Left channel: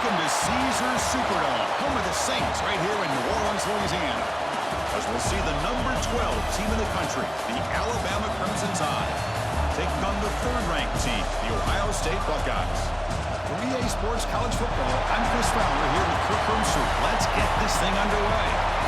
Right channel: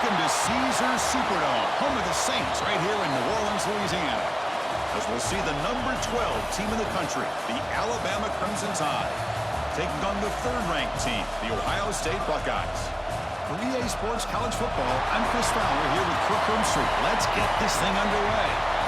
Welcome to SUGER Superdome, home of the Saints, right here in New Orleans, Louisiana. As we'll see the number 12 team in the country, the Alabama Crimson Tide, taking on the third-ranked team, the Ohio State Buckeyes. For EA Sports College Football, I'm Chris Fowler here with Kirk Street. Let's get this thing underway.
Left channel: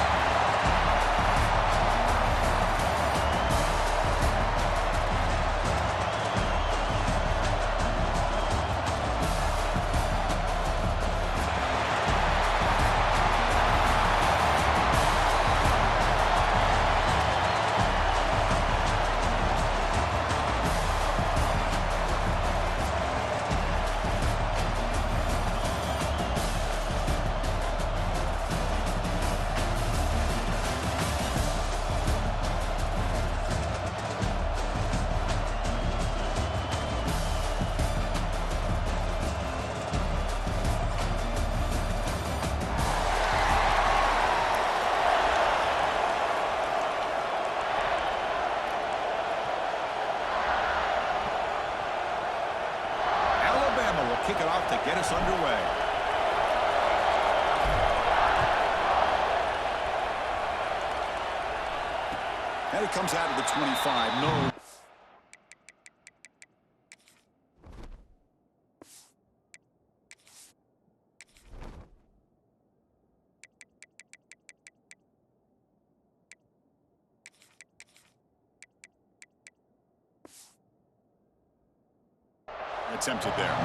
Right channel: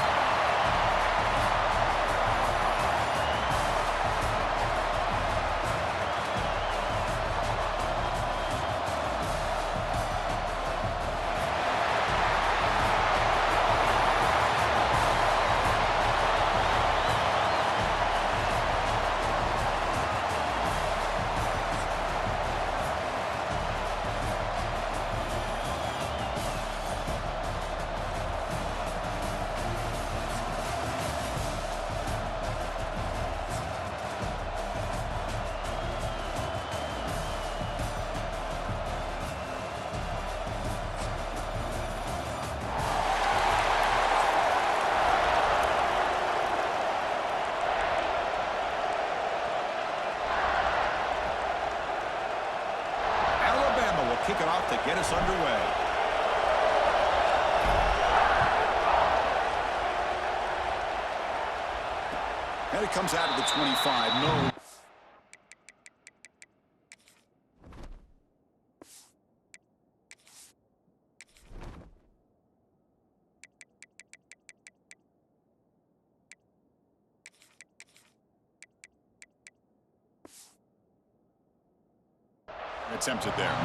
Alabama will kick it off to get us underway. And it comes out of the 25. No. Attempted there.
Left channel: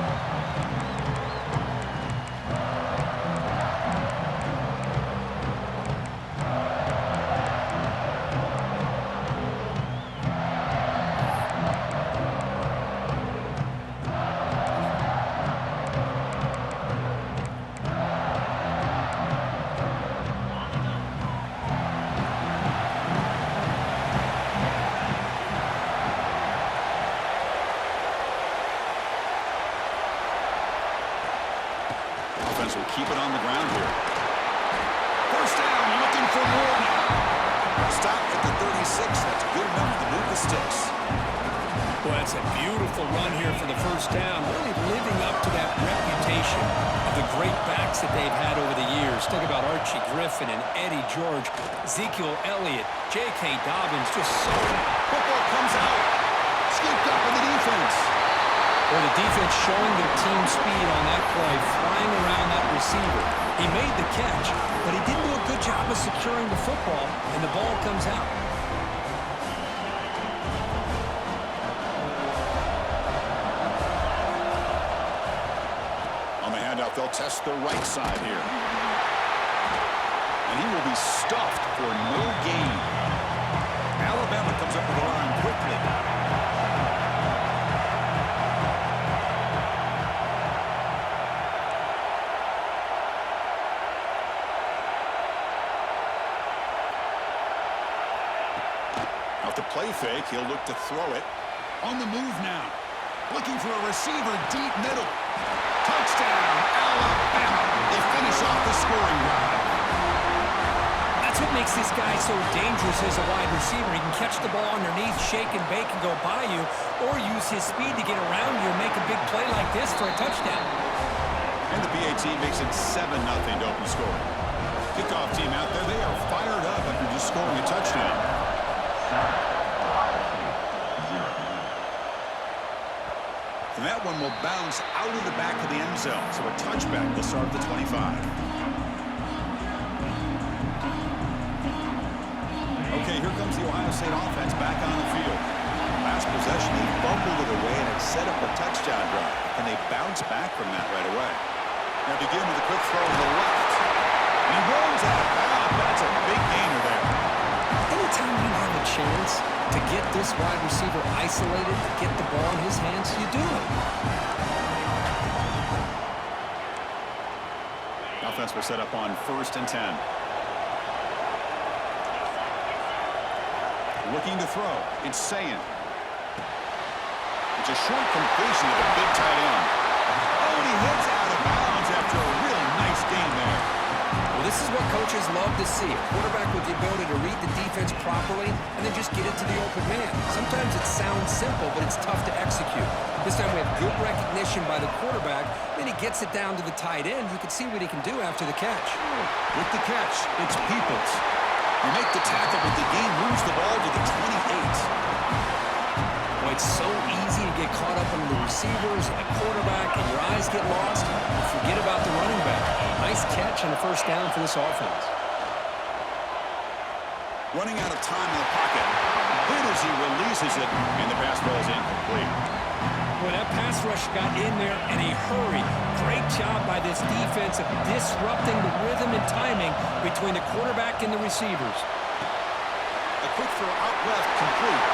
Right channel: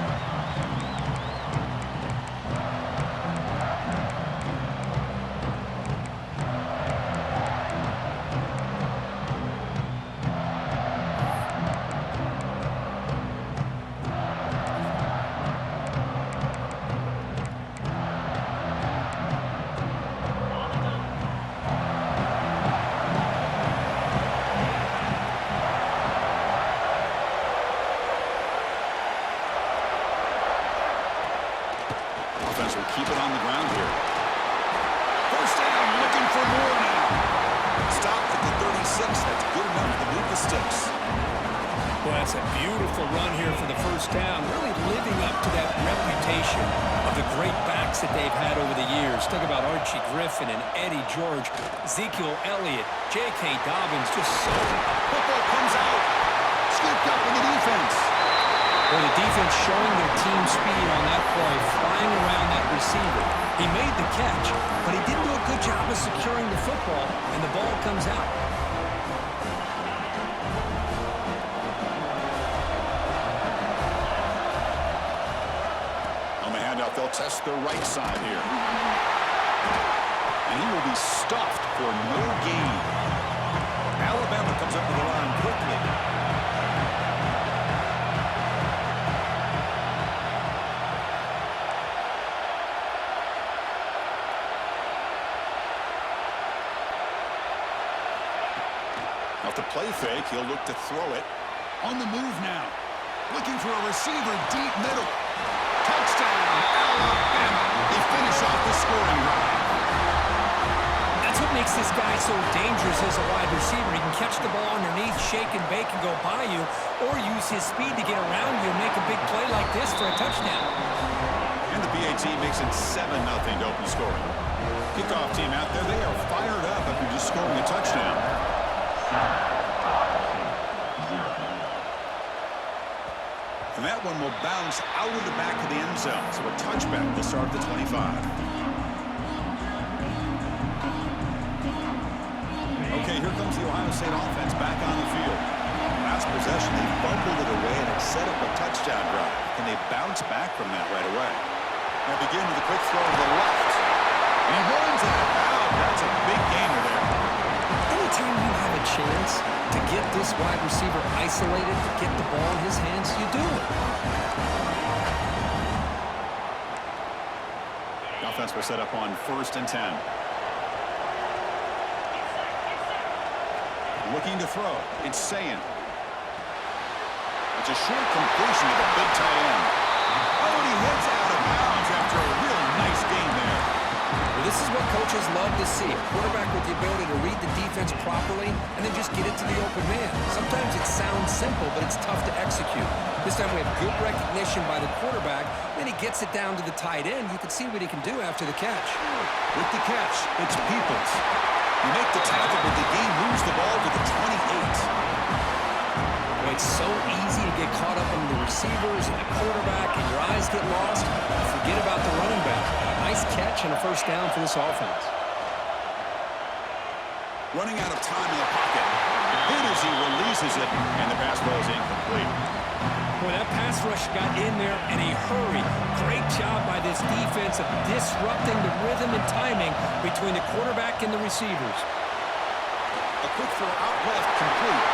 Will keep it on the ground here. First down, looking for more now. Stop at the 36. That's good enough to move the sticks. Well, that's a beautiful run here for the first down. Really living up to that reputation of the great backs that they've had over the years. Think about Archie Griffin and Eddie George, Ezekiel Elliott, J.K. Dobbins, just so... Football comes out. Scooped up in the defense. Well, the defense showing their team speed on that play, flying around that receiver. He made the catch, but he didn't do a good job of securing the football, and the ball comes out. On the handoff, they'll test the right side here. And he will be stuffed for no gain. Alabama comes up with the line quickly. Off the play fake, he'll look to throw it. On the move now. Looking for a receiver deep middle. Touchdown, Alabama. They finish off the scoring drive. That's what makes this guy so dangerous as a wide receiver. He can catch the ball underneath, shake and bake and go by you, or use his speed to get around you and make a big play like this for a touchdown. And the BAT makes it 7-0 to open scoring. Kickoff team out there, they are fired up after just scoring a touchdown. And that one will bounce out of the back of the end zone. So a touchback will start at the 25. Okay, here comes the Ohio State offense back on the field. Last possession, they fumbled it away, and it set up a touchdown drive. And they bounce back from that right away. Now begin with a quick throw to the left. And he runs out of bounds. That's a big gainer there. Anytime you have a chance to get this wide receiver isolated, to get the ball in his hands, you do it. The offense will set up on 1st and 10. Looking to throw. It's Sayin. It's a short completion to the big tight end. Oh, and he hits out of bounds after a really nice game there. Well, this is what coaches love to see. A quarterback with the ability to read the defense properly and then just get it to the open man. Sometimes it sounds simple, but it's tough to execute. This time we have good recognition by the quarterback. Then he gets it down to the tight end. You can see what he can do after the catch. With the catch, it's Peoples. You make the tackle, but the game moves the ball to the 28. Boy, it's so easy to get caught up on the receivers and the quarterback, and your eyes get lost. You forget about the running back. Nice catch and a first down for this offense. Running out of time in the pocket. Hit as he releases it, and the pass ball is incomplete. Boy, that pass rush got in there in a hurry. Great job by this defense of disrupting the rhythm and timing between the quarterback and the receivers. A quick throw out left, complete.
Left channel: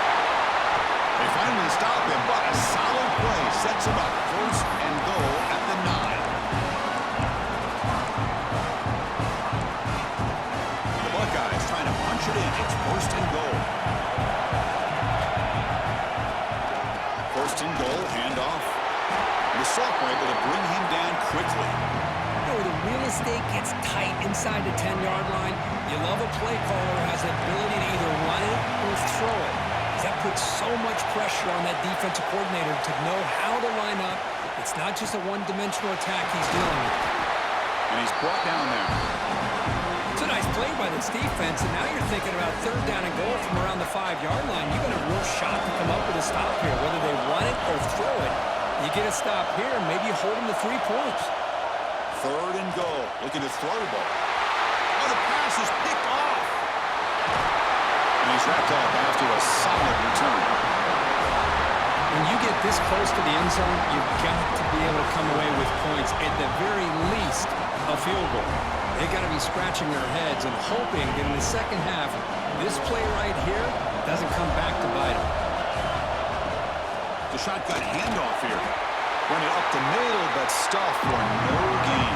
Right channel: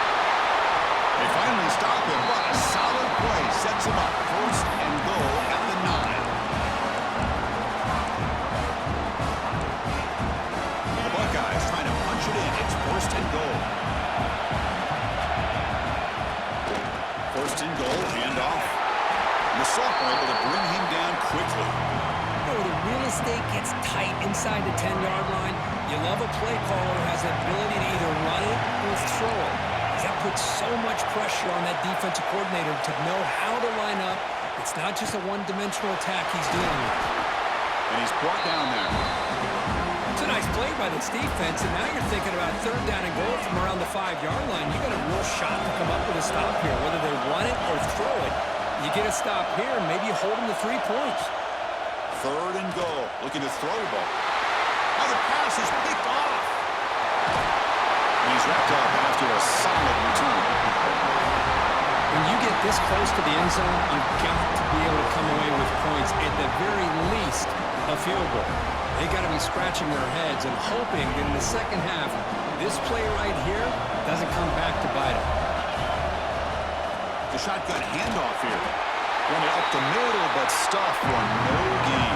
They finally stop him, but a solid play sets him up. First and goal at the 9. The Buckeyes trying to punch it in. It's first and goal. First and goal, handoff. And the sophomore able to bring him down quickly. You know, where the real estate gets tight inside the 10-yard line, you love a play caller who has the ability to either run it or throw it. That puts so much pressure on that defensive coordinator to know how to line up. It's not just a one-dimensional attack he's dealing with. And he's brought down there. It's a nice play by this defense, and now you're thinking about third down and goal from around the 5-yard line. You got a real shot to come up with a stop here, whether they run it or throw it. You get a stop here, and maybe you hold them to 3 points. Third and goal, looking to throw the ball. Oh, the pass is picked off. And he's wrapped up after a solid return. When you get this close to the end zone, you've got to be able to come away with points, at the very least, a field goal. They got to be scratching their heads and hoping that in the second half, this play right here doesn't come back to bite them. The shotgun handoff here. Run it up the middle, but stuff for no gain.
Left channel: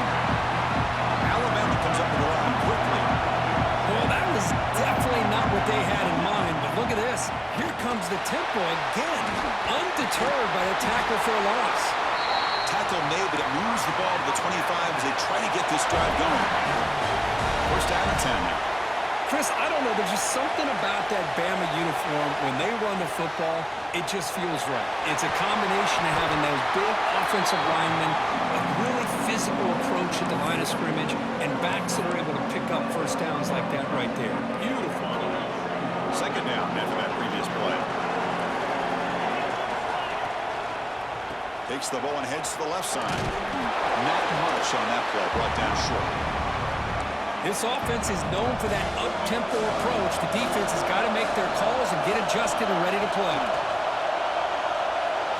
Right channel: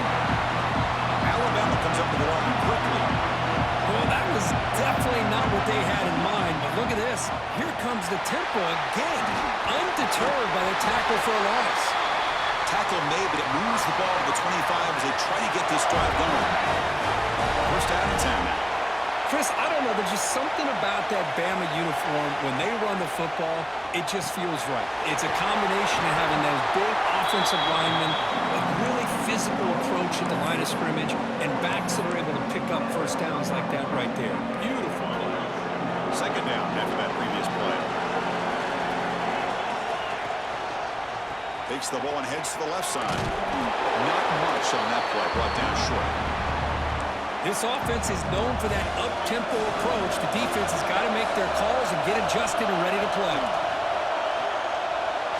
Alabama comes up to the line quickly. Well, that was definitely not what they had in mind, but look at this. Here comes the tempo again, undeterred by the tackle for a loss. Tackle made, but it moves the ball to the 25 as they try to get this drive going. First down and 10 now. Chris, I don't know. There's just something about that Bama uniform. When they run the football, it just feels right. It's a combination of having those big offensive linemen, a really physical approach at the line of scrimmage, and backs that are able to pick up first downs like that right there. Beautiful play. Second down after that previous play. Takes the ball and heads to the left side. Not much on that play. Brought down short. This offense is known for that up-tempo approach. The defense has got to make their calls and get adjusted and ready to play.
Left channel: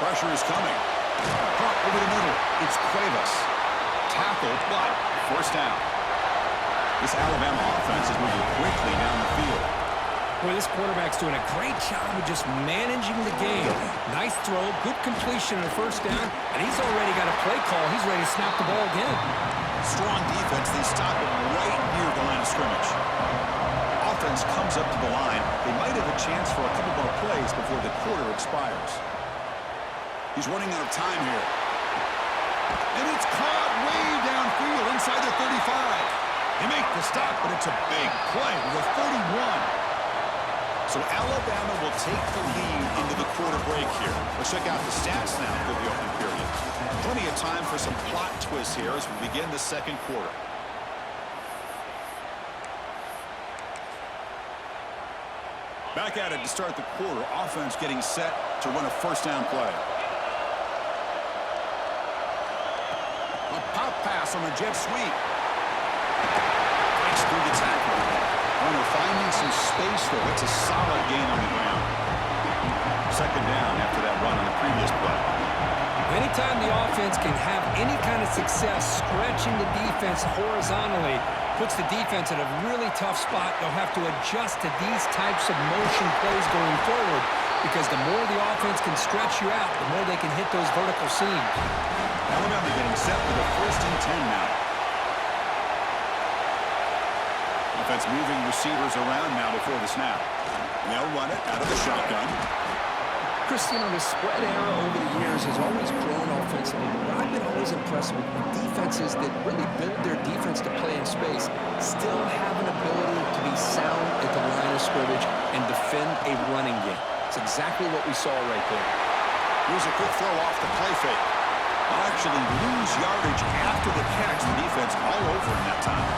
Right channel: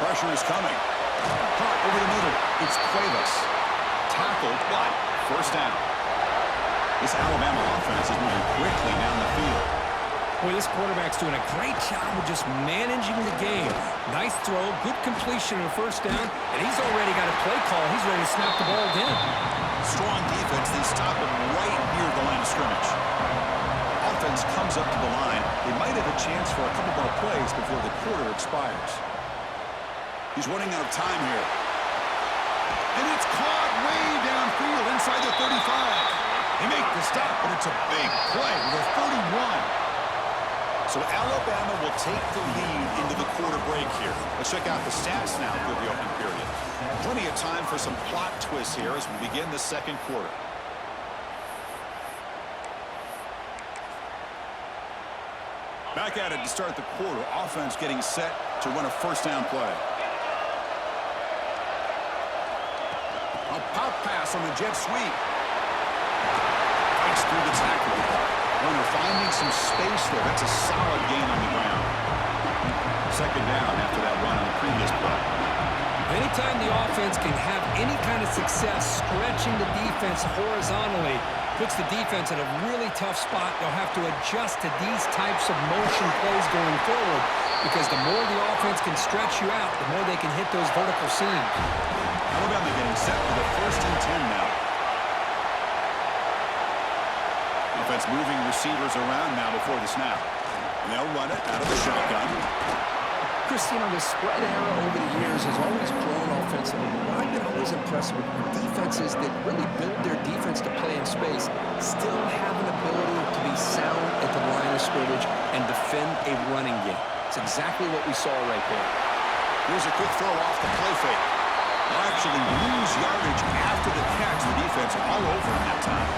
Pressure is coming. Caught over the middle. It's Cuevas. Tackled, but first down. This Alabama offense is moving quickly down the field. Boy, this quarterback's doing a great job of just managing the game. Nice throw, good completion on the first down, and he's already got a play call. He's ready to snap the ball again. Strong defense. They stop him right near the line of scrimmage. Offense comes up to the line. They might have a chance for a couple more plays before the quarter expires. He's running out of time here. And it's caught way downfield inside the 35. They make the stop, but it's a big play with a 31. So Alabama will take the lead into the quarter break here. Let's check out the stats now for the opening period. Plenty of time for some plot twists here as we begin the second quarter. Back at it to start the quarter. Offense getting set to run a first down play. A pop pass on a jet sweep. Fights through the tackle. Runner finding some space there. That's a solid gain on the ground. Second down after that run on the previous play. Anytime the offense can have any kind of success stretching the defense horizontally, puts the defense in a really tough spot. They'll have to adjust to these types of motion plays going forward, because the more the offense can stretch you out, the more they can hit those vertical seams. Alabama getting set for the first and 10 now. Offense moving receivers around now before the snap. And they'll run it out of the shotgun. Chris, you know, the spread era over the years has always grown offensively. But I've been always impressed with defenses that really build their defense to play in space, still have an ability to be sound at the line of scrimmage and defend a running game. It's exactly what we saw right there. Here's a quick throw off the play fake. They'll actually lose yardage after the catch. The defense all over in that time.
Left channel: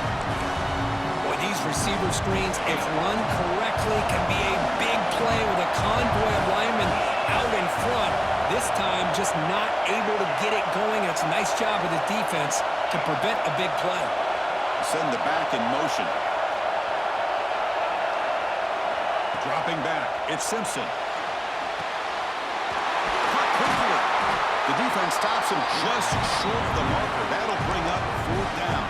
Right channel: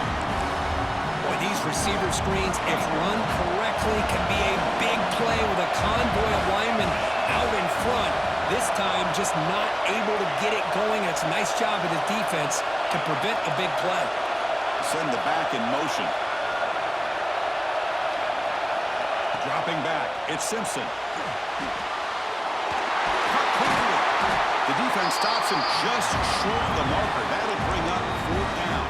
Boy, these receiver screens, if run correctly, can be a big play with a convoy of linemen out in front. This time, just not able to get it going. It's a nice job of the defense to prevent a big play. Send the back in motion. Dropping back. It's Simpson. Caught quickly. The defense stops him just short of the marker. That'll bring up 4th down.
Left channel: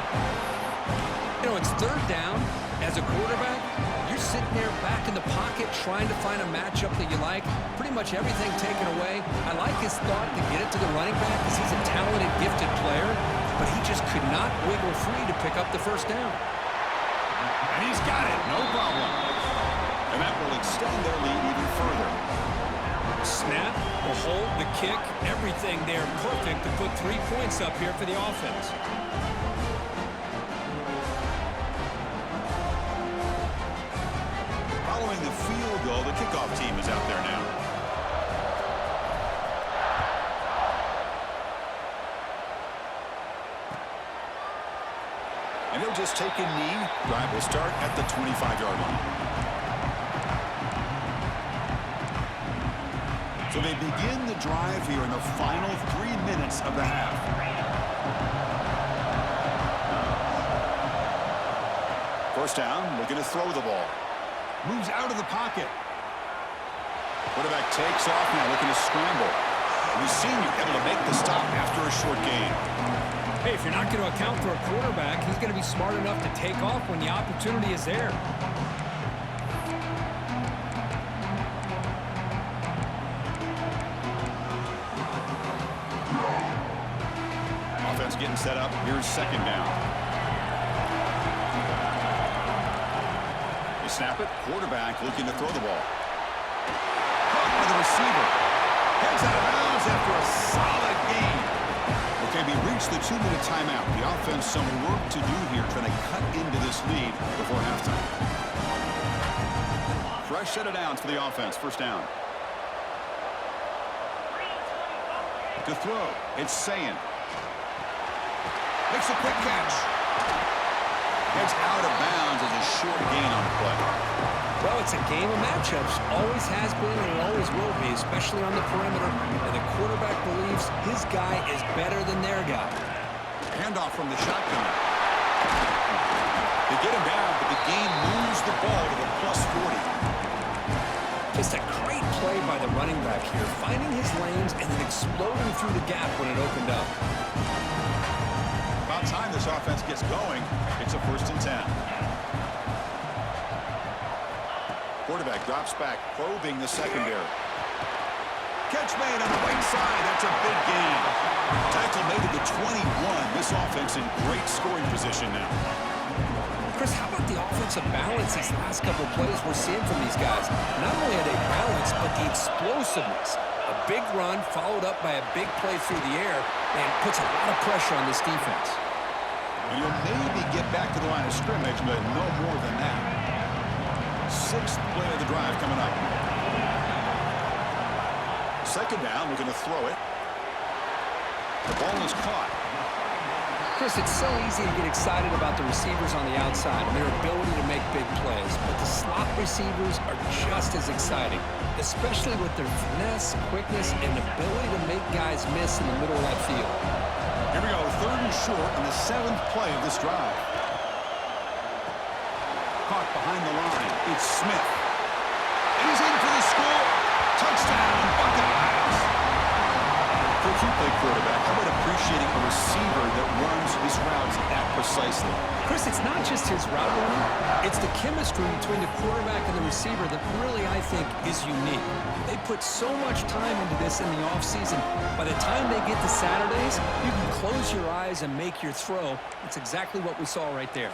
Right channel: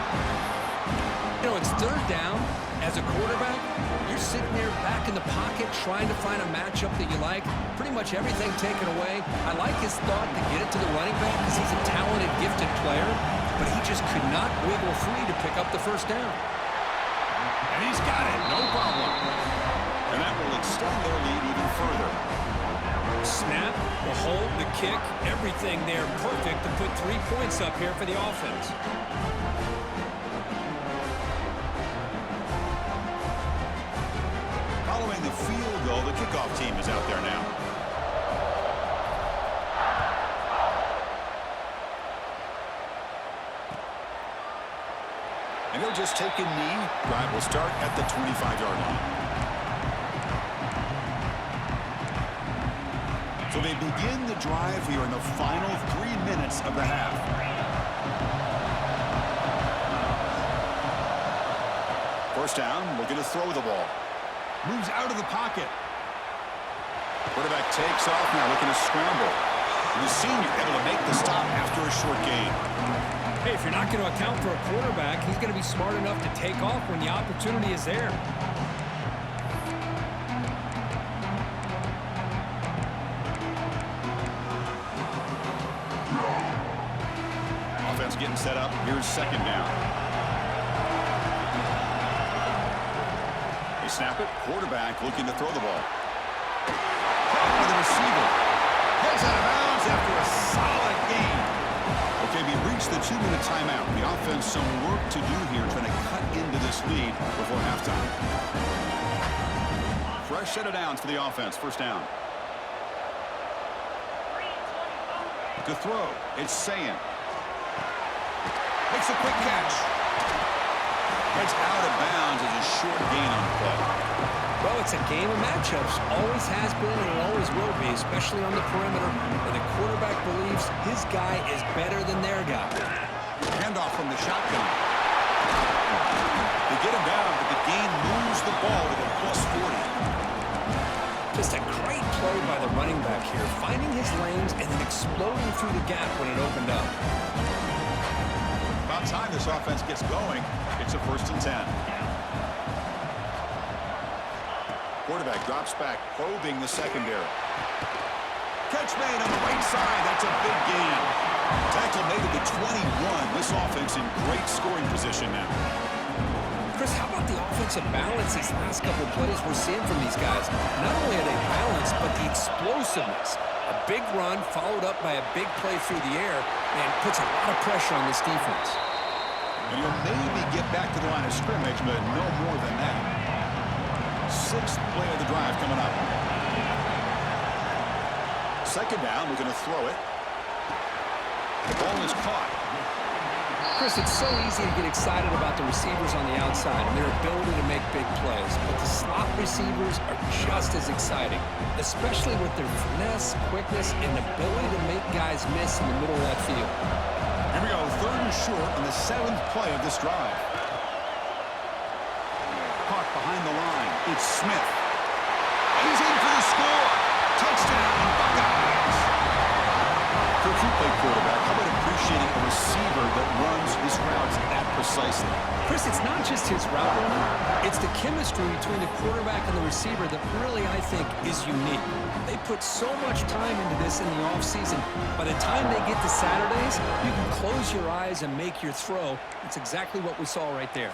You know, it's 3rd down. As a quarterback, you're sitting there back in the pocket trying to find a matchup that you like. Pretty much everything taken away. I like his thought to get it to the running back because he's a talented, gifted player, but he just could not wiggle free to pick up the 1st down. And he's got it. No problem. And that will extend their lead even further. Snap, the hold, the kick, everything there perfect to put 3 points up here for the offense. Following the field goal, the kickoff team is out there now. And he'll just take a knee. Drive will start at the 25-yard line. So they begin the drive here in the final 3 minutes of the half. First down, looking to throw the ball. Moves out of the pocket. Quarterback takes off now, looking to scramble. And the senior able to make the stop after a short gain. Hey, if you're not going to account for a quarterback, he's going to be smart enough to take off when the opportunity is there. Offense getting set up. Here's 2nd down. They snap it. Quarterback looking to throw the ball. Caught by the receiver. Heads out of bounds after a solid gain. Okay, we reached the 2-minute timeout. The offense some work to do here trying to cut into this lead before halftime. Fresh set of downs for the offense. First down. To throw, it's Sayin. Makes a quick catch. Heads out of bounds as a short gain on the play. Well, it's a game of matchups. Always has been and it always will be, especially on the perimeter. And the quarterback believes his guy is better than their guy. Handoff from the shotgun. They get him down, but the gain moves the ball to the +40. Just a great play by the running back here, finding his lanes and then exploding through the gap when it opened up. About time this offense gets going. It's a 1st and 10. Quarterback drops back, probing the secondary. Catch made on the right side. That's a big gain. Tackle made at the 21. This offense in great scoring position now. Chris, how about the offensive balance these last couple of plays we're seeing from these guys? Not only are they balanced, but the explosiveness. A big run followed up by a big play through the air and puts a lot of pressure on this defense. And he'll maybe get back to the line of scrimmage, but no more than that. 6th play of the drive coming up. 2nd down, we're going to throw it. The ball is caught. Chris, it's so easy to get excited about the receivers on the outside and their ability to make big plays, but the slot receivers are just as exciting, especially with their finesse, quickness, and ability to make guys miss in the middle of that field. Here we go, 3rd and short on the 7th play of this drive. Caught behind the line. It's Smith. And he's in for the score. Touchdown, Buckeyes. Kirk, you play quarterback. How about appreciating a receiver that runs his routes that precisely? Chris, it's not just his route running. It's the chemistry between the quarterback and the receiver that really, I think, is unique. They put so much time into this in the offseason. By the time they get to Saturdays, you can close your eyes and make your throw. It's exactly what we saw right there.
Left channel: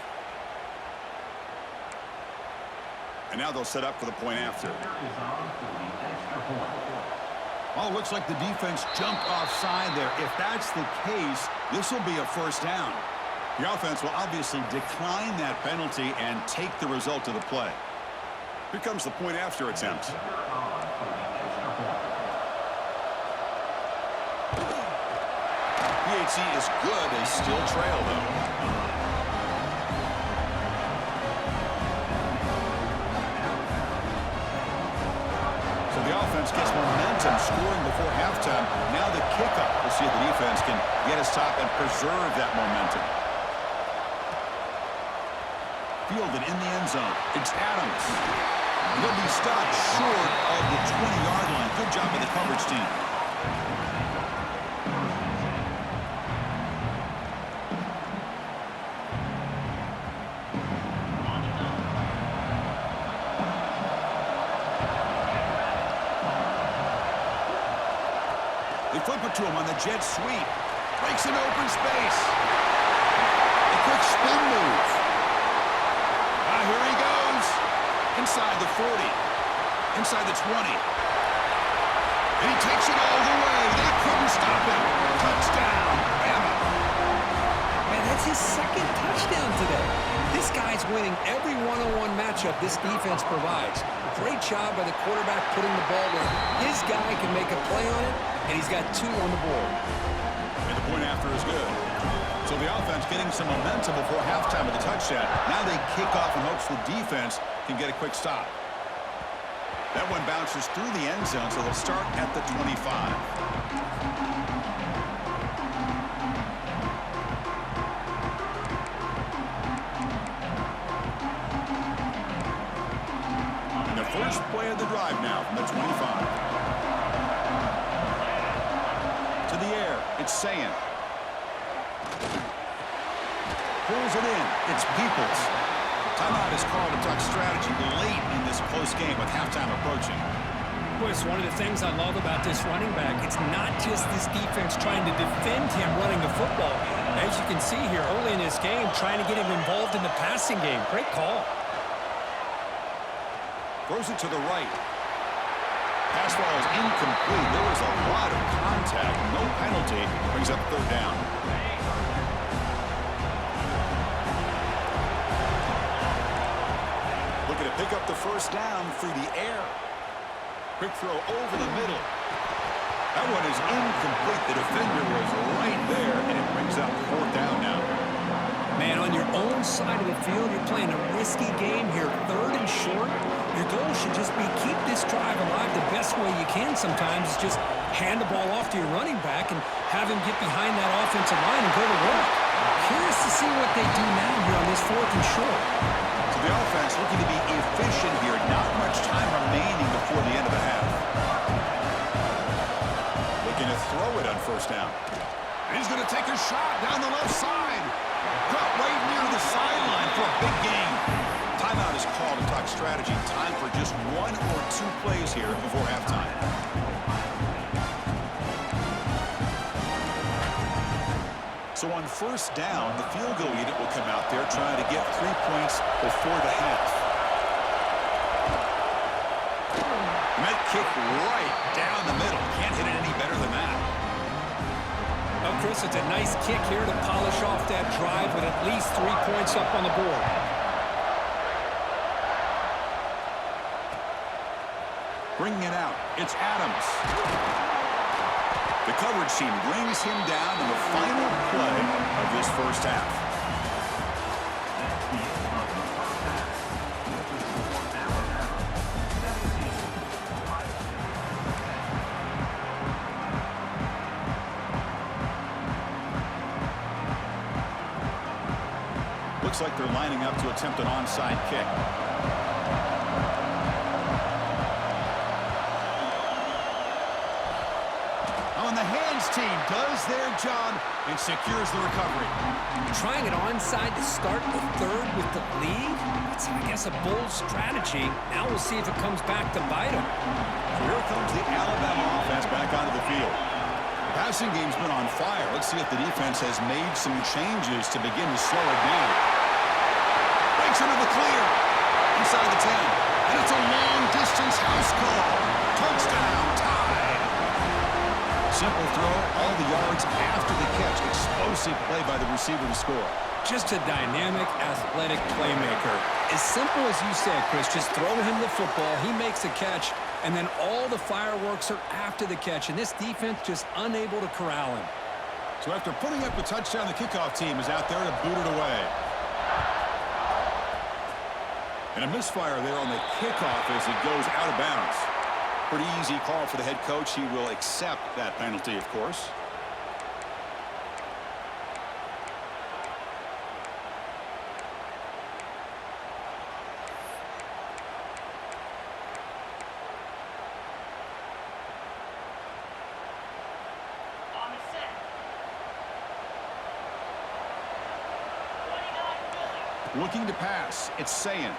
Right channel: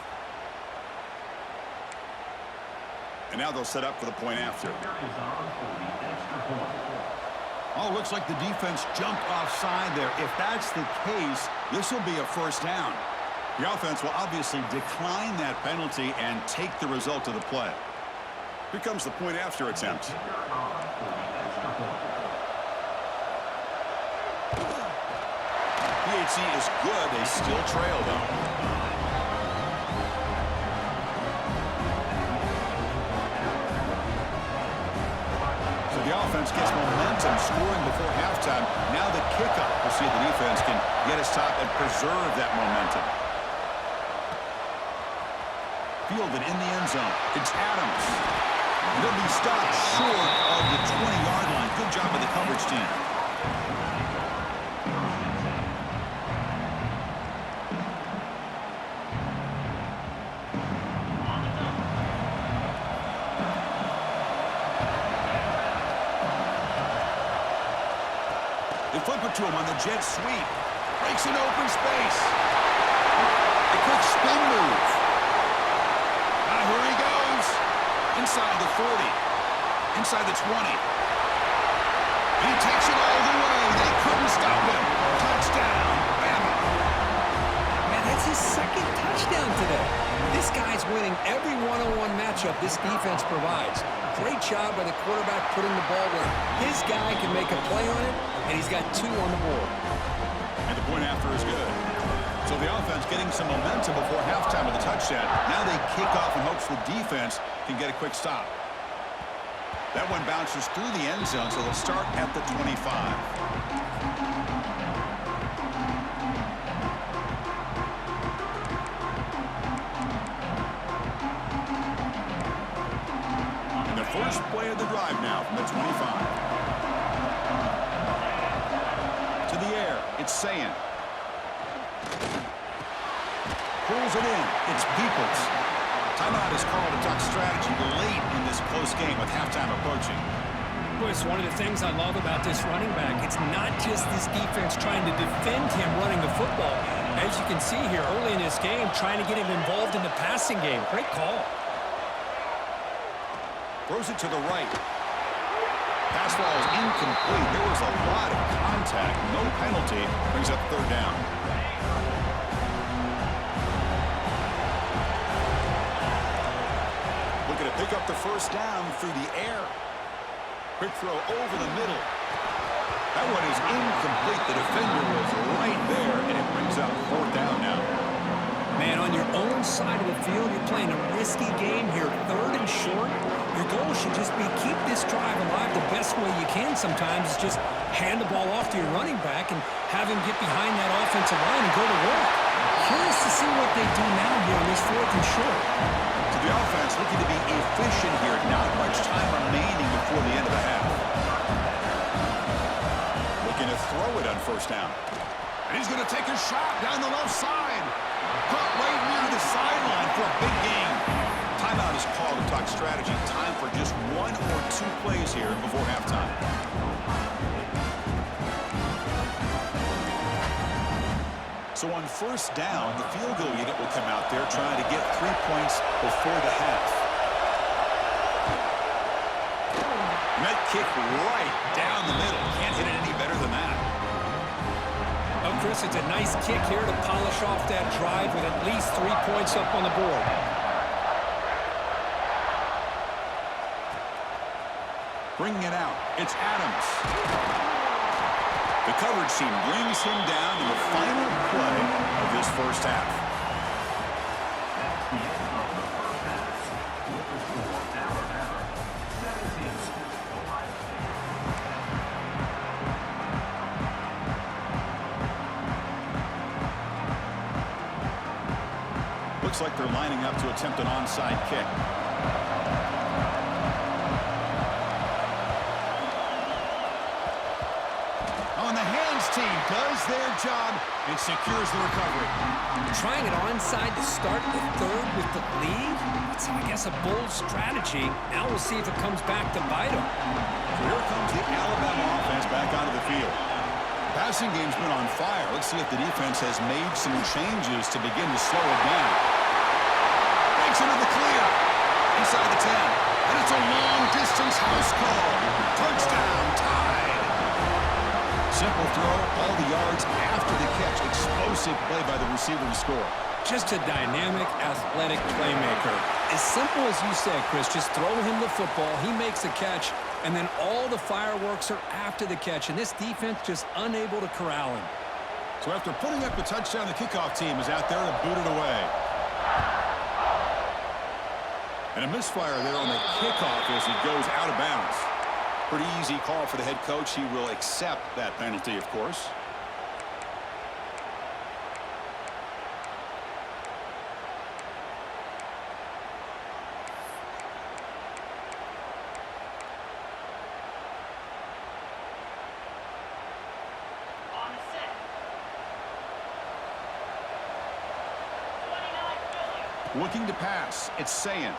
And now they'll set up for the point after. Oh, looks like the defense jumped offside there. If that's the case, this will be a 1st down. The offense will obviously decline that penalty and take the result of the play. Here comes the point after attempt. PHC is good. They still trail, though. So the offense gets momentum scoring before halftime. Now the kickoff. We'll see if the defense can get his top and preserve that momentum. Fielded in the end zone. It's Adams. He'll be stopped short of the 20-yard line. Good job by the coverage team. They flip it to him on the jet sweep. Breaks an open space. A quick spin move. Here he goes. Inside the 40. Inside the 20. And he takes it all the way. They couldn't stop him. Touchdown, Bama. Man, that's his second touchdown today. This guy's winning every one-on-one matchup this defense provides. Great job by the quarterback putting the ball where his guy can make a play on it, and he's got 2 on the board. And the point after is good. So the offense getting some momentum before halftime with the touchdown. Now they kick off in hopes the defense can get a quick stop. That one bounces through the end zone, so they'll start at the 25. And the first play of the drive now from the 25. To the air, it's Sayin. Pulls it in. It's Peoples. Timeout is called to talk strategy late in this close game with halftime approaching. Boy, it's one of the things I love about this running back. It's not just this defense trying to defend him running the football. As you can see here early in this game, trying to get him involved in the passing game. Great call. Throws it to the right. Pass ball is incomplete. There was a lot of contact. No penalty. Brings up third down. Looking to pick up the first down through the air. Quick throw over the middle. That one is incomplete. The defender was right there, and it brings up fourth down now. Man, on your own side of the field, you're playing a risky game here. 3rd and short. Your goal should just be keep this drive alive the best way you can sometimes. Is just hand the ball off to your running back and have him get behind that offensive line and go to work. Curious to see what they do now here on this 4th and short. So the offense looking to be efficient here. Not much time remaining before the end of the half. Looking to throw it on first down. And he's going to take a shot down the left side. Caught right near the sideline for a big gain. Timeout is called to talk strategy. Time for just 1 or 2 plays here before halftime. So on first down, the field goal unit will come out there trying to get 3 points before the half. And that kick right down the middle. Can't hit it any better than that. Oh, Chris, it's a nice kick here to polish off that drive with at least 3 points up on the board. Bringing it out, it's Adams. The coverage team brings him down in the final play of this first half. Looks like they're lining up to attempt an onside kick. On the hands team does their job and secures the recovery. Trying it onside to start the 3rd with the lead? That's, I guess, a bold strategy. Now we'll see if it comes back to bite them. So here comes the Alabama offense back onto the field. The passing game's been on fire. Let's see if the defense has made some changes to begin to slow it down. Breaks into the clear. Inside the 10. And it's a long-distance house call. Touchdown, tied. Simple throw, all the yards after the catch. Explosive play by the receiver to score. Just a dynamic, athletic playmaker. As simple as you said, Chris, just throw him the football, he makes a catch, and then all the fireworks are after the catch, and this defense just unable to corral him. So after putting up the touchdown, the kickoff team is out there to boot it away. And a misfire there on the kickoff as it goes out of bounds. Pretty easy call for the head coach. He will accept that penalty, of course. Looking to pass, it's Sayin.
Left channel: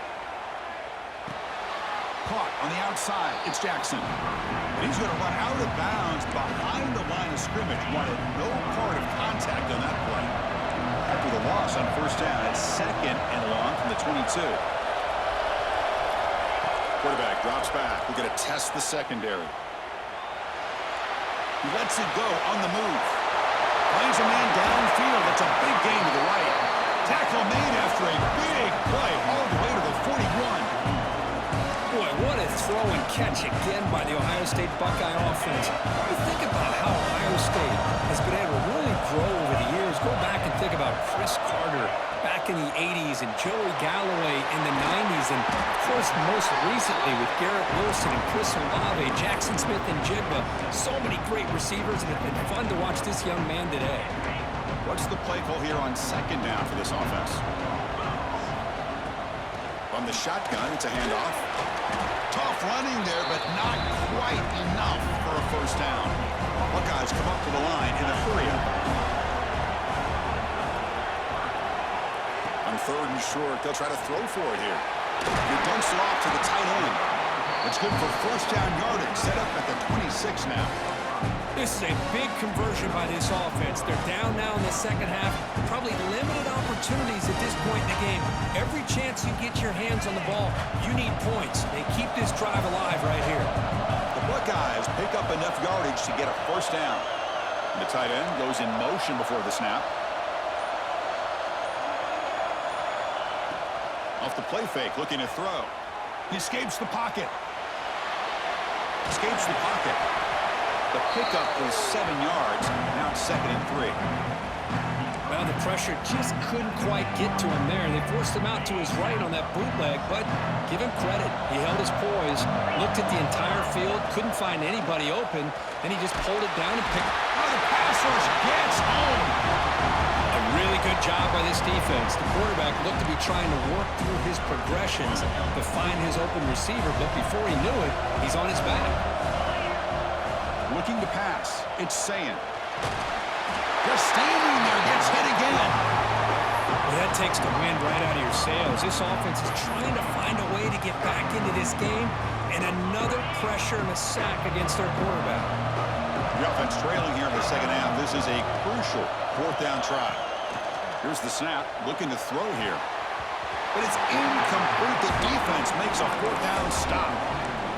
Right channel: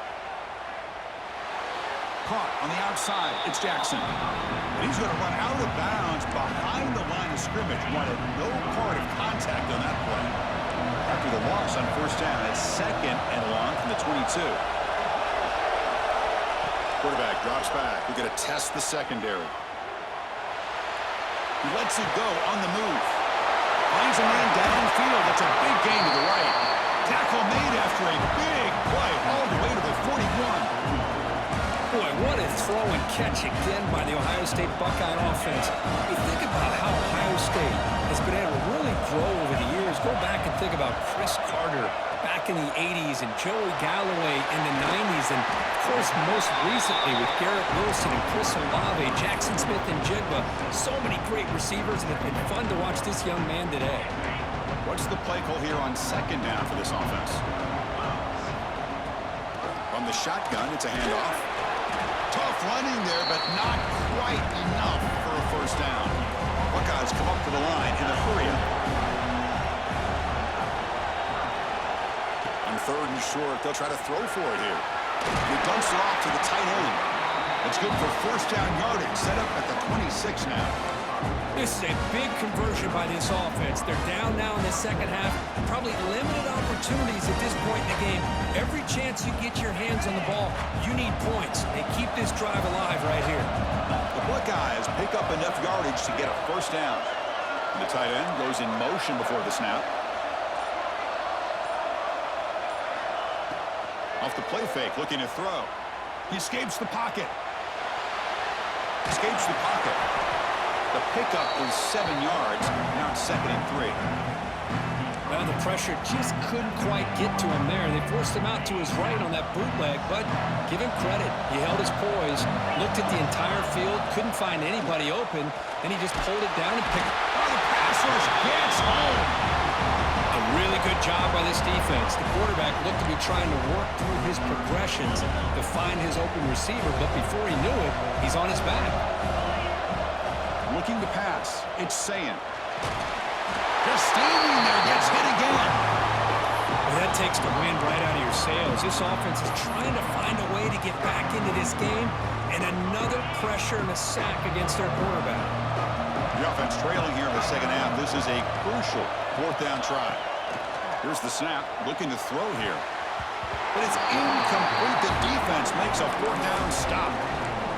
Caught on the outside, it's Jackson. And he's going to run out of bounds behind the line of scrimmage. Wanted no part of contact on that play. After the loss on first down, it's 2nd and long from the 22. Quarterback drops back. We're going to test the secondary. He lets it go on the move. Finds a man downfield. That's a big gain to the right. Tackle made after a big play all the way to the 41. Boy, what a throw and catch again by the Ohio State Buckeye offense. You think about how Ohio State has been able to really grow over the years. Go back and think about Chris Carter back in the 80s and Joey Galloway in the 90s. And, of course, most recently with Garrett Wilson and Chris Olave, Jackson Smith and Jigba. So many great receivers, and it's been fun to watch this young man today. What's the play call here on 2nd down for this offense? From the shotgun, it's a handoff. Tough running there, but not quite enough for a first down. Buckeyes come up to the line in a hurry-up. On 3rd and short, they'll try to throw for it here. He dumps it off to the tight end. It's good for first down yardage, set up at the 26 now. This is a big conversion by this offense. They're down now in the second half. Probably limited opportunities at this point in the game. Every chance you get your hands on the ball, you need points. They keep this drive alive right here. The Buckeyes pick up enough yardage to get a first down. And the tight end goes in motion before the snap. Off the play fake, looking to throw. He escapes the pocket. Escapes the pocket. The pickup is 7 yards. Now it's 2nd and 3. Well, the pressure just couldn't quite get to him there. They forced him out to his right on that bootleg, but give him credit. He held his poise, looked at the entire field, couldn't find anybody open, then he just pulled it down and picked it. Oh, the pass rush gets home. A really good job by this defense. The quarterback looked to be trying to work through his progressions to find his open receiver, but before he knew it, he's on his back. Looking to pass. It's Sayin. Just standing there, gets hit again. Well, that takes the wind right out of your sails. This offense is trying to find a way to get back into this game, and another pressure and a sack against their quarterback. The offense trailing here in the second half. This is a crucial 4th down try. Here's the snap, looking to throw here. But it's incomplete. The defense makes a 4th down stop.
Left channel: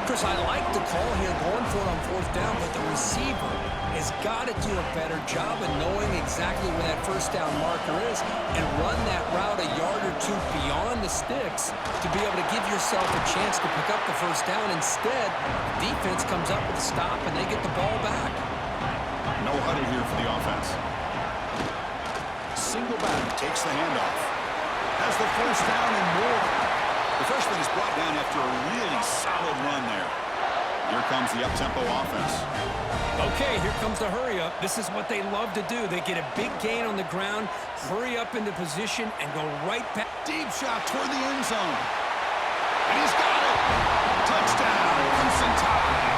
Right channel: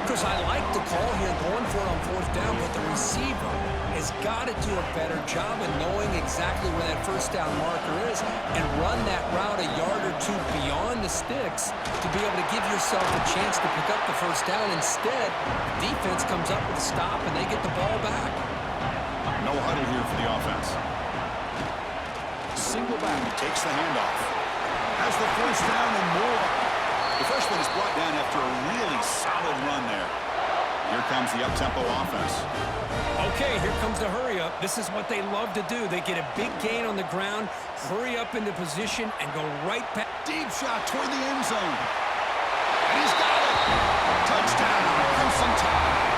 Chris, I like the call here going for it on 4th down, but the receiver has got to do a better job of knowing exactly where that first down marker is and run that route a yard or two beyond the sticks to be able to give yourself a chance to pick up the first down. Instead, the defense comes up with a stop and they get the ball back. No huddle here for the offense. Single back takes the handoff. Has the first down and more. The freshman is brought down after a really solid run there. Here comes the up-tempo offense. Okay, here comes the hurry-up. This is what they love to do. They get a big gain on the ground, hurry up into position, and go right back. Deep shot toward the end zone. And he's got it. Touchdown, Crimson Tide.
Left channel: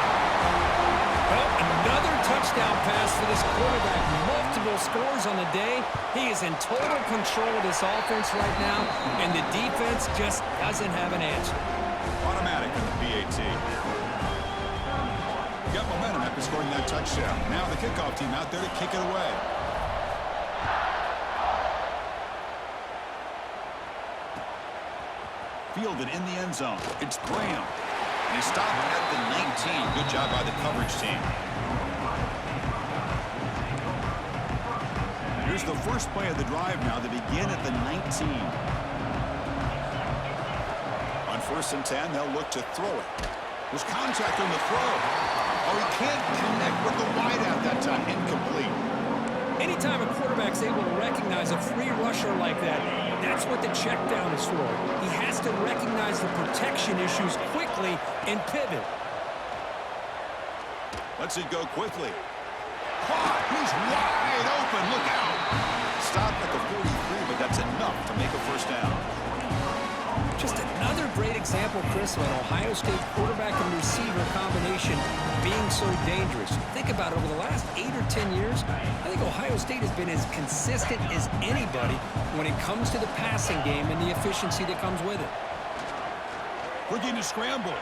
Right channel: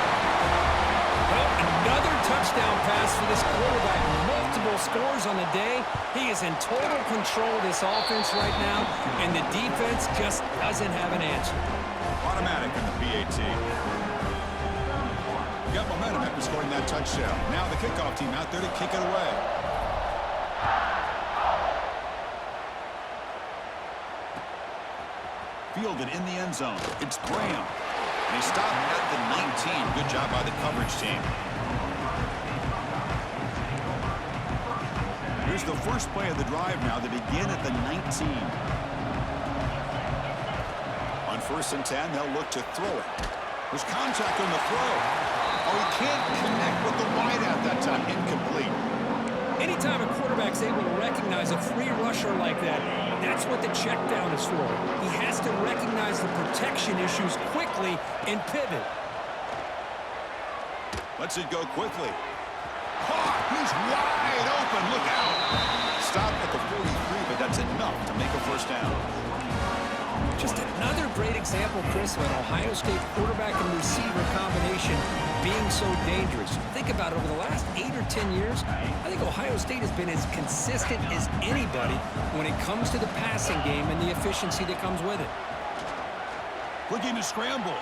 Well, another touchdown pass for this quarterback. Multiple scores on the day. He is in total control of this offense right now, and the defense just doesn't have an answer. Automatic in the PAT. Got momentum after scoring that touchdown. Now the kickoff team out there to kick it away. Fielded in the end zone. It's Graham. And he stopped at the 19. Good job by the coverage team. Here's the first play of the drive now. They begin at the 19. On 1st and 10, they'll look to throw it. There's contact on the throw. Oh, he can't connect with the wideout that time. Incomplete. Anytime a quarterback's able to recognize a free rusher like that, that's what the check down is for. He has to recognize the protection issues quickly and pivot. Lets it go quickly. Caught! He's wide open. Look out! Stopped at the 43, but that's enough to make a first down. Just another great example, Chris, of an Ohio State quarterback and receiver combination being so dangerous. Think about it, over the last 8 or 10 years, I think Ohio State has been as consistent as anybody when it comes to the passing game and the efficiency that comes with it. Looking to scramble.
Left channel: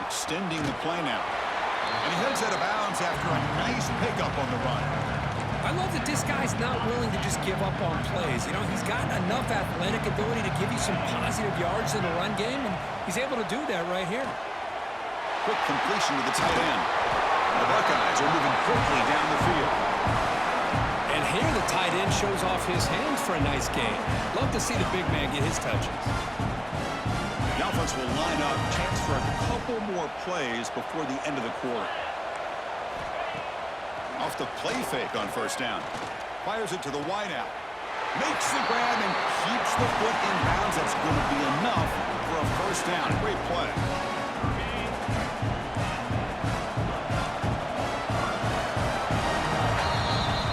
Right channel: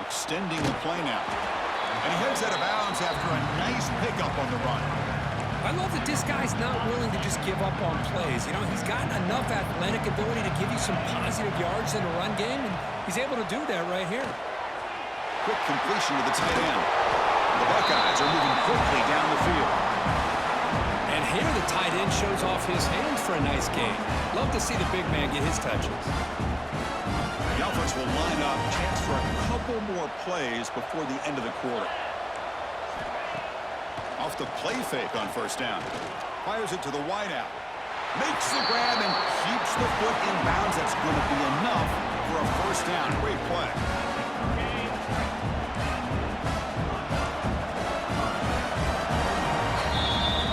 Extending the play now. And he heads out of bounds after a nice pickup on the run. I love that this guy's not willing to just give up on plays. You know, he's got enough athletic ability to give you some positive yards in the run game, and he's able to do that right here. Quick completion to the tight end. The Buckeyes are moving quickly down the field. And here the tight end shows off his hands for a nice gain. Love to see the big man get his touches. The offense will line up, chance for a couple more plays before the end of the quarter. Off the play fake on first down. Fires it to the wideout. Makes the grab and keeps the foot in bounds. That's going to be enough for a first down. Great play.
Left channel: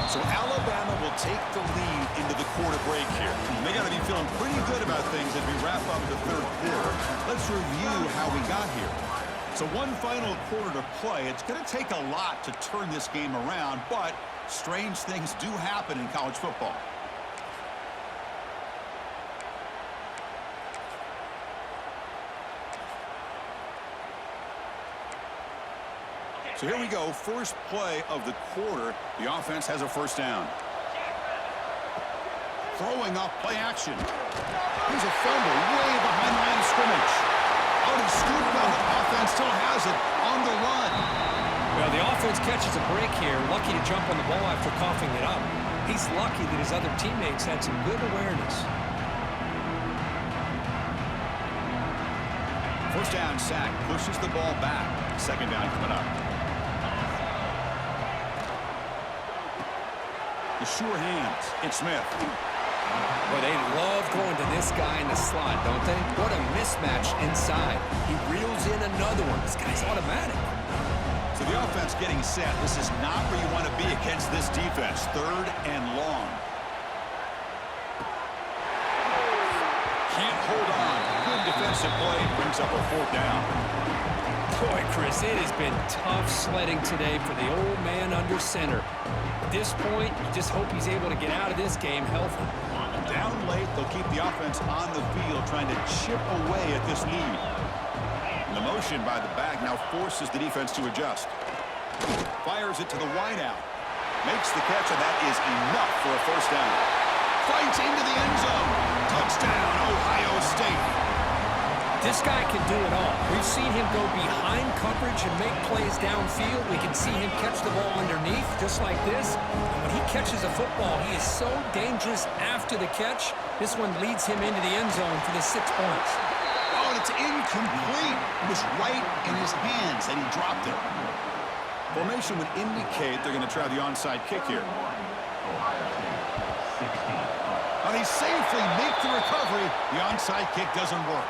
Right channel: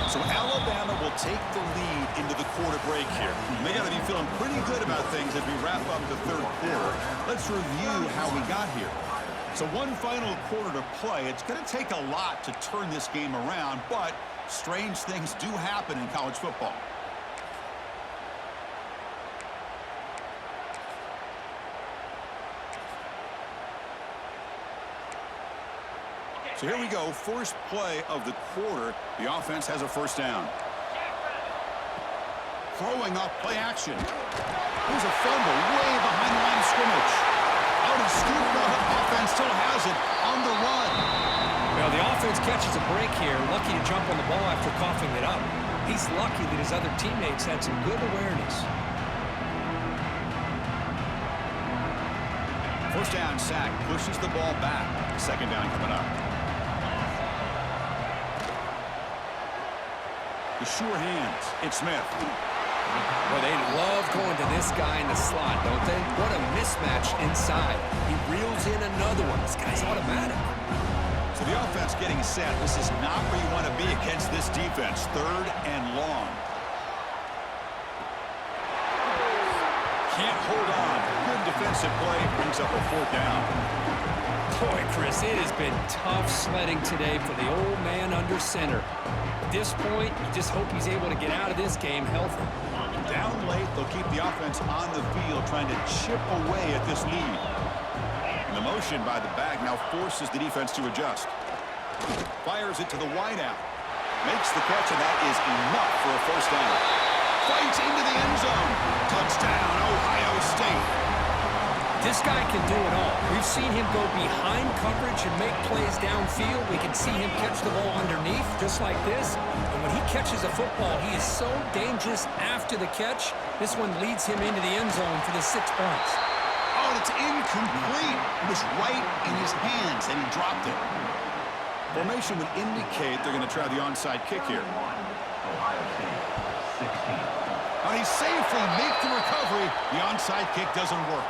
So Alabama will take the lead into the quarter break here. They got to be feeling pretty good about things as we wrap up the third quarter. Let's review how we got here. So one final quarter to play. It's going to take a lot to turn this game around, but strange things do happen in college football. So here we go, first play of the quarter. The offense has a first down. Throwing off play action. Here's a fumble way behind the line of scrimmage. Out of scoop, the offense still has it on the run. Well, the offense catches a break here, lucky to jump on the ball after coughing it up. He's lucky that his other teammates had some good awareness. First down sack, pushes the ball back. Second down coming up. The sure hands. It's Smith. Well, they love going to this guy in the slot, don't they? What a mismatch inside. He reels in another one. This guy's automatic. So the offense getting set. This is not where you want to be against this defense. Third and long. Can't hold on. Good defensive play. Brings up a fourth down. Boy, Chris, it has been tough sledding today for the old man under center. At this point, you just hope he's able to get out of this game healthy. Down late, they'll keep the offense on the field, trying to chip away at this lead. And the motion by the back now forces the defense to adjust. Fires it to the wideout. Makes the catch, and that is enough for a first down. Fights into the end zone. Touchdown, Ohio State. This guy can do it all. We've seen him go behind coverage and make plays downfield. We can see him catch the ball underneath, just like this. And when he catches a football, he is so dangerous after the catch. This one leads him into the end zone for the 6 points. Oh, and it's incomplete. It was right in his hands, and he dropped it. Formation would indicate they're going to try the onside kick here. And he safely makes the recovery. The onside kick doesn't work.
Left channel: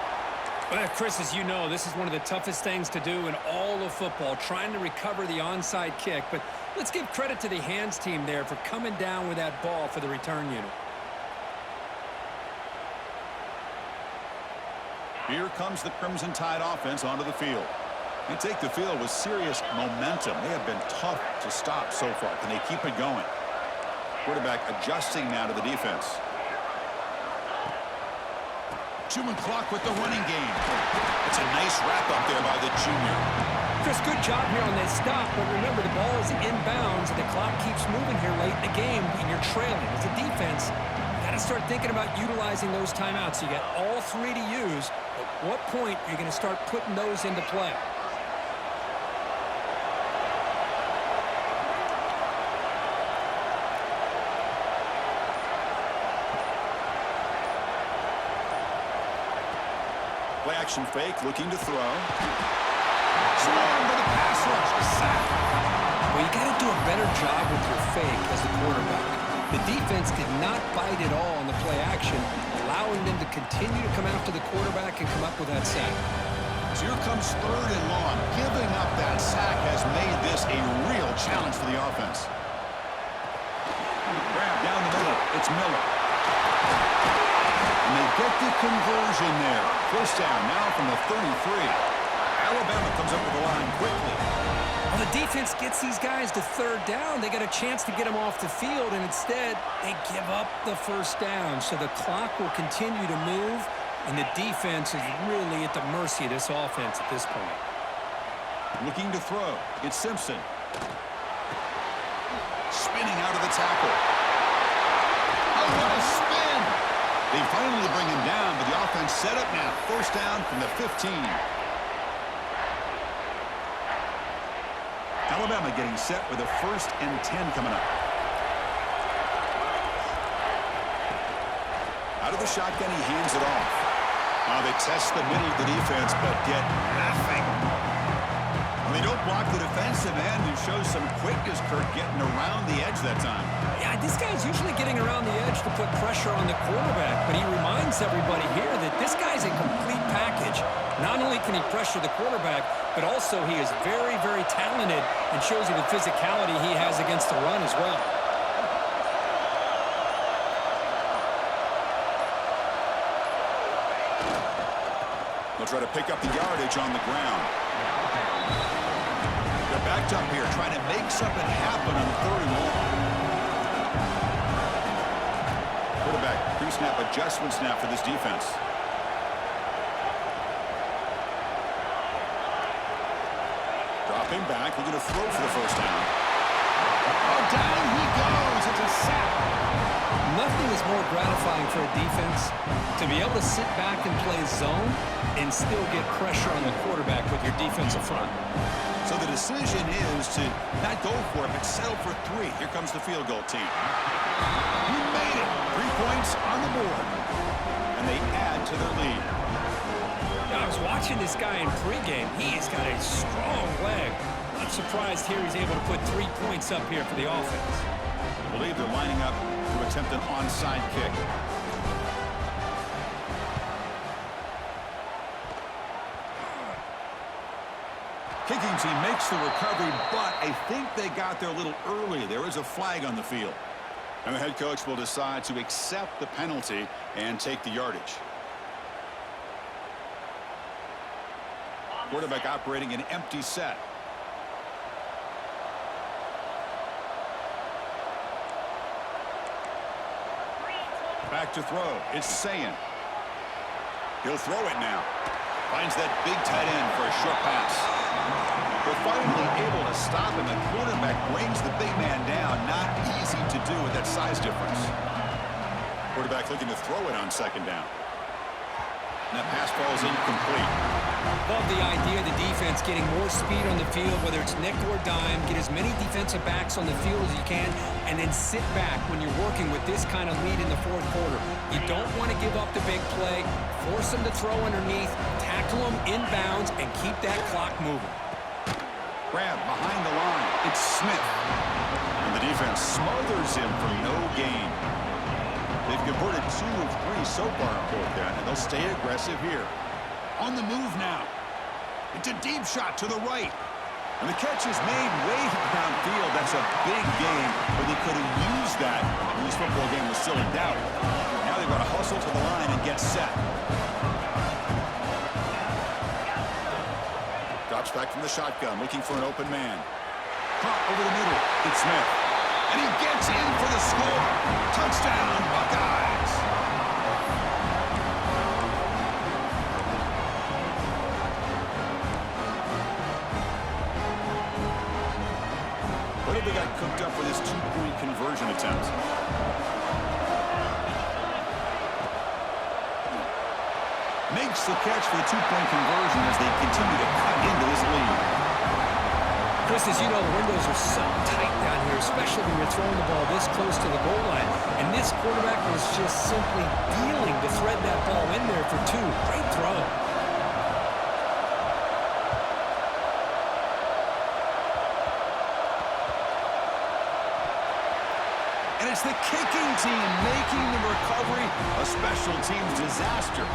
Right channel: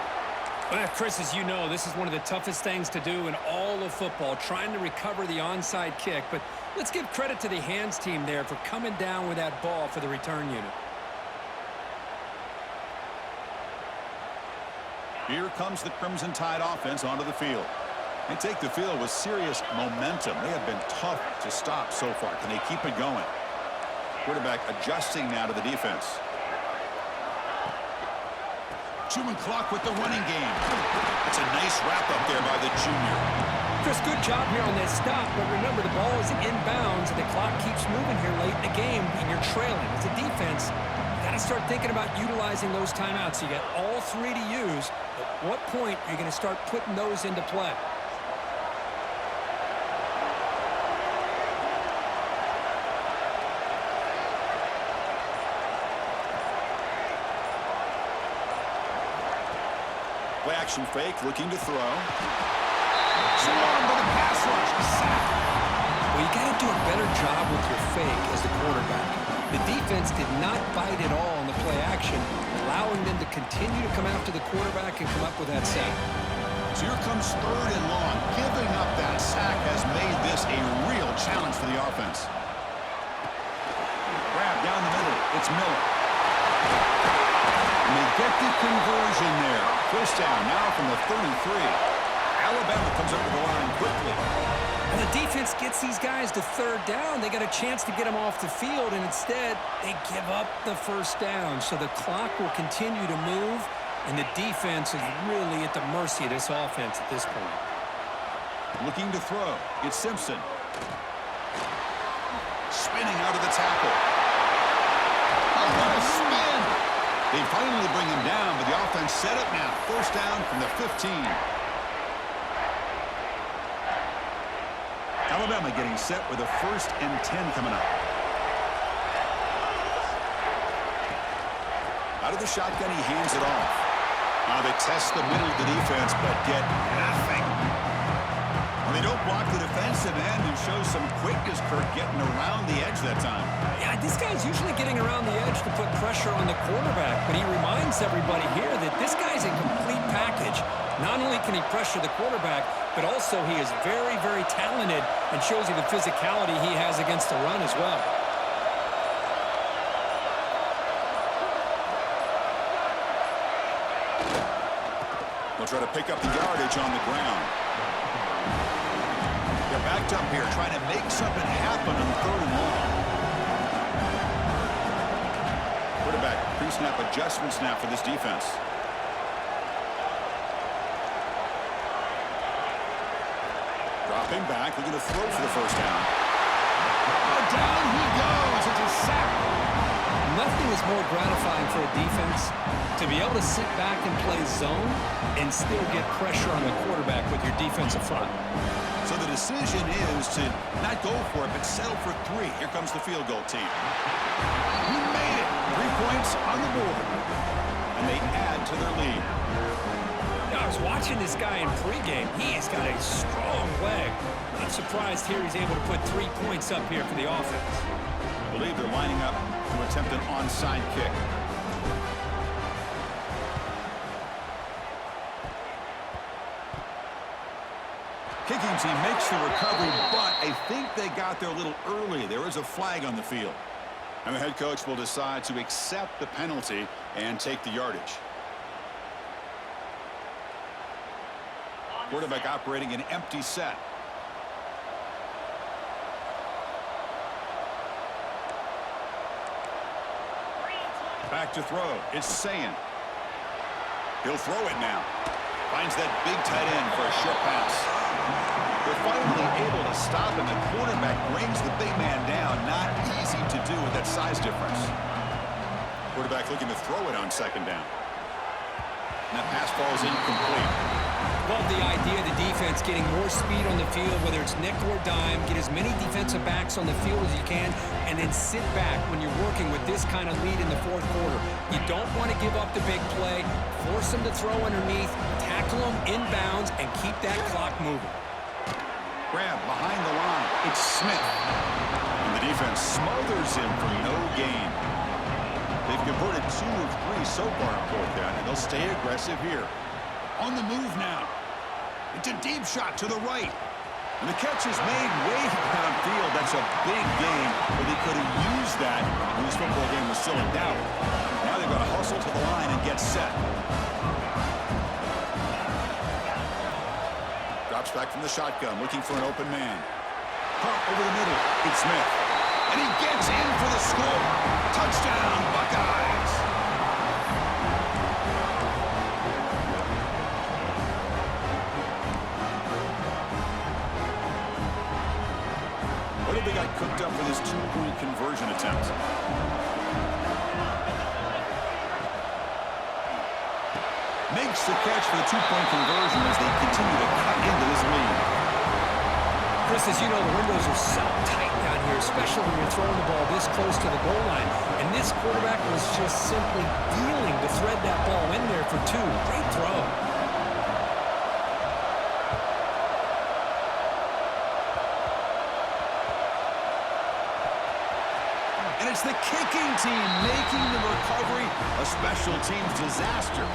Well, Chris, as you know, this is one of the toughest things to do in all of football, trying to recover the onside kick. But let's give credit to the hands team there for coming down with that ball for the return unit. Here comes the Crimson Tide offense onto the field. They take the field with serious momentum. They have been tough to stop so far. Can they keep it going? Quarterback adjusting now to the defense. Chewing clock with the running game. It's a nice wrap up there by the junior. Chris, good job here on that stop, but remember the ball is inbounds and the clock keeps moving here late in the game and you're trailing. As a defense, you got to start thinking about utilizing those timeouts. You got all three to use. At what point are you going to start putting those into play? Play action fake, looking to throw. Swarmed by the pass rush. A sack. Well, you got to do a better job with your fake as the quarterback. The defense did not bite at all on the play action, allowing them to continue to come after the quarterback and come up with that sack. So here comes 3rd and long. Giving up that sack has made this a real challenge for the offense. Grab down the middle. It's Miller. And they get the conversion there. 1st down now from the 33. Alabama comes up to the line quickly. Well, the defense gets these guys to 3rd down. They got a chance to get them off the field, and instead they give up the 1st down. So the clock will continue to move, and the defense is really at the mercy of this offense at this point. Looking to throw. It's Simpson. Spinning out of the tackle. Oh, what a spin! They finally bring him down, but the offense set up now. 1st down from the 15. Alabama getting set with a 1st and 10 coming up. Out of the shotgun, he hands it off. Now they test the middle of the defense, but get nothing. Well, they don't block the defensive end and show some quickness, Kirk, getting around the edge that time. Yeah, this guy's usually getting around the edge to put pressure on the quarterback, but he reminds everybody here that this guy's a complete package. Not only can he pressure the quarterback, but also he is very, very talented and shows you the physicality he has against the run as well. They'll try to pick up the yardage on the ground. They're backed up here, trying to make something happen on 3rd and long. Quarterback, pre-snap adjustment snap for this defense. Dropping back, looking to throw for the 1st down. Oh, down he goes. It's a sack. Nothing is more gratifying for a defense to be able to sit back and play zone and still get pressure on the quarterback with your defensive front. So the decision is to not go for it, but settle for 3. Here comes the field goal team. He made it. 3 points on the board. And they add to their lead. I was watching this guy in pregame. He has got a strong leg. Not surprised here he's able to put 3 points up here for the offense. I believe they're lining up to attempt an onside kick. Kicking team makes the recovery, but I think they got there a little early. There is a flag on the field. And the head coach will decide to accept the penalty and take the yardage. Quarterback operating an empty set. Back to throw. It's Sayan. He'll throw it now. Finds that big tight end for a short pass. They're finally able to stop him. The quarterback brings the big man down. Not easy to do with that size difference. Quarterback looking to throw it on 2nd down. And that pass falls incomplete. Love the idea of the defense getting more speed on the field, whether it's nickel or dime. Get as many defensive backs on the field as you can, and then sit back when you're working with this kind of lead in the 4th quarter. You don't want to give up the big play. Force them to throw underneath, tackle them inbounds, and keep that clock moving. Grab behind the line. It's Smith. And the defense smothers him for no gain. They've converted 2 of 3 so far in 4th down, and they'll stay aggressive here. On the move now. It's a deep shot to the right. And the catch is made way downfield. That's a big gain, but they could have used that when this football game was still in doubt. Now they've got to hustle to the line and get set. Drops back from the shotgun, looking for an open man. Pump over the middle. It's Smith. And he gets in for the score. Touchdown, Buckeyes. What have they got cooked up for this 2-point conversion attempt? Makes the catch for the 2-point conversion as they continue to cut into this lead. Chris, as you know, the windows are so tight down here, especially when you're throwing the ball this close to the goal line. And this quarterback was just simply dealing to thread that ball in there for 2. Great throw. And it's the kicking team making the recovery a special teams disaster.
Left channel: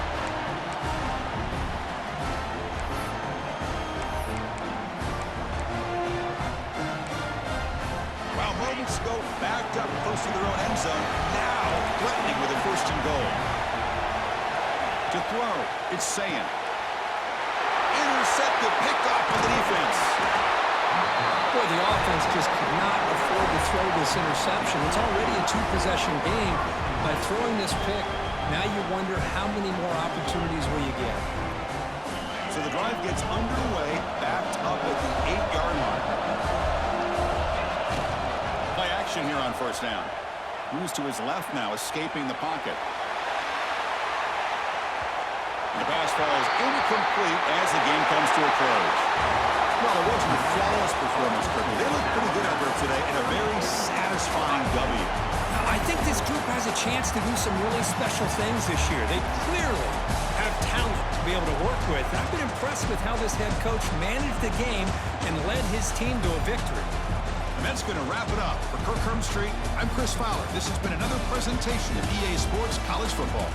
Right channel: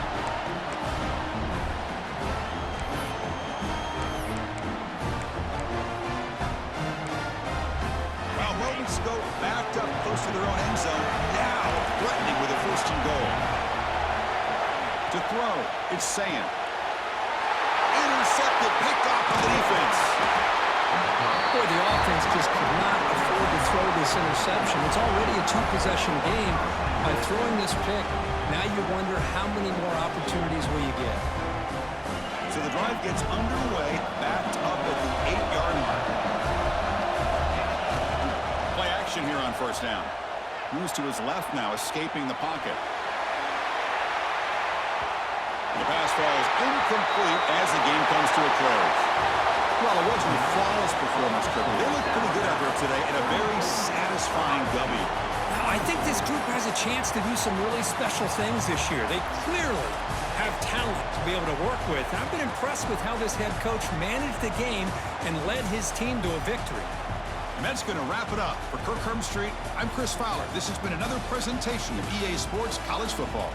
Well, moments ago, backed up close to their own end zone. Now threatening with a 1st and goal. To throw, it's Sayan. Intercepted, picked off by the defense. Boy, the offense just could not afford to throw this interception. It's already a 2-possession game. By throwing this pick, now you wonder how many more opportunities will you get. So the drive gets underway, backed up at the 8-yard line. Play action here on 1st down. Moves to his left now, escaping the pocket. The pass falls incomplete as the game comes to a close. Well, it wasn't a flawless performance, Kirk. They looked pretty good out there today in a very satisfying W. I think this group has a chance to do some really special things this year. They clearly have talent to be able to work with. I've been impressed with how this head coach managed the game and led his team to a victory. And that's going to wrap it up. For Kirk Street, I'm Chris Fowler. This has been another presentation of EA Sports College Football.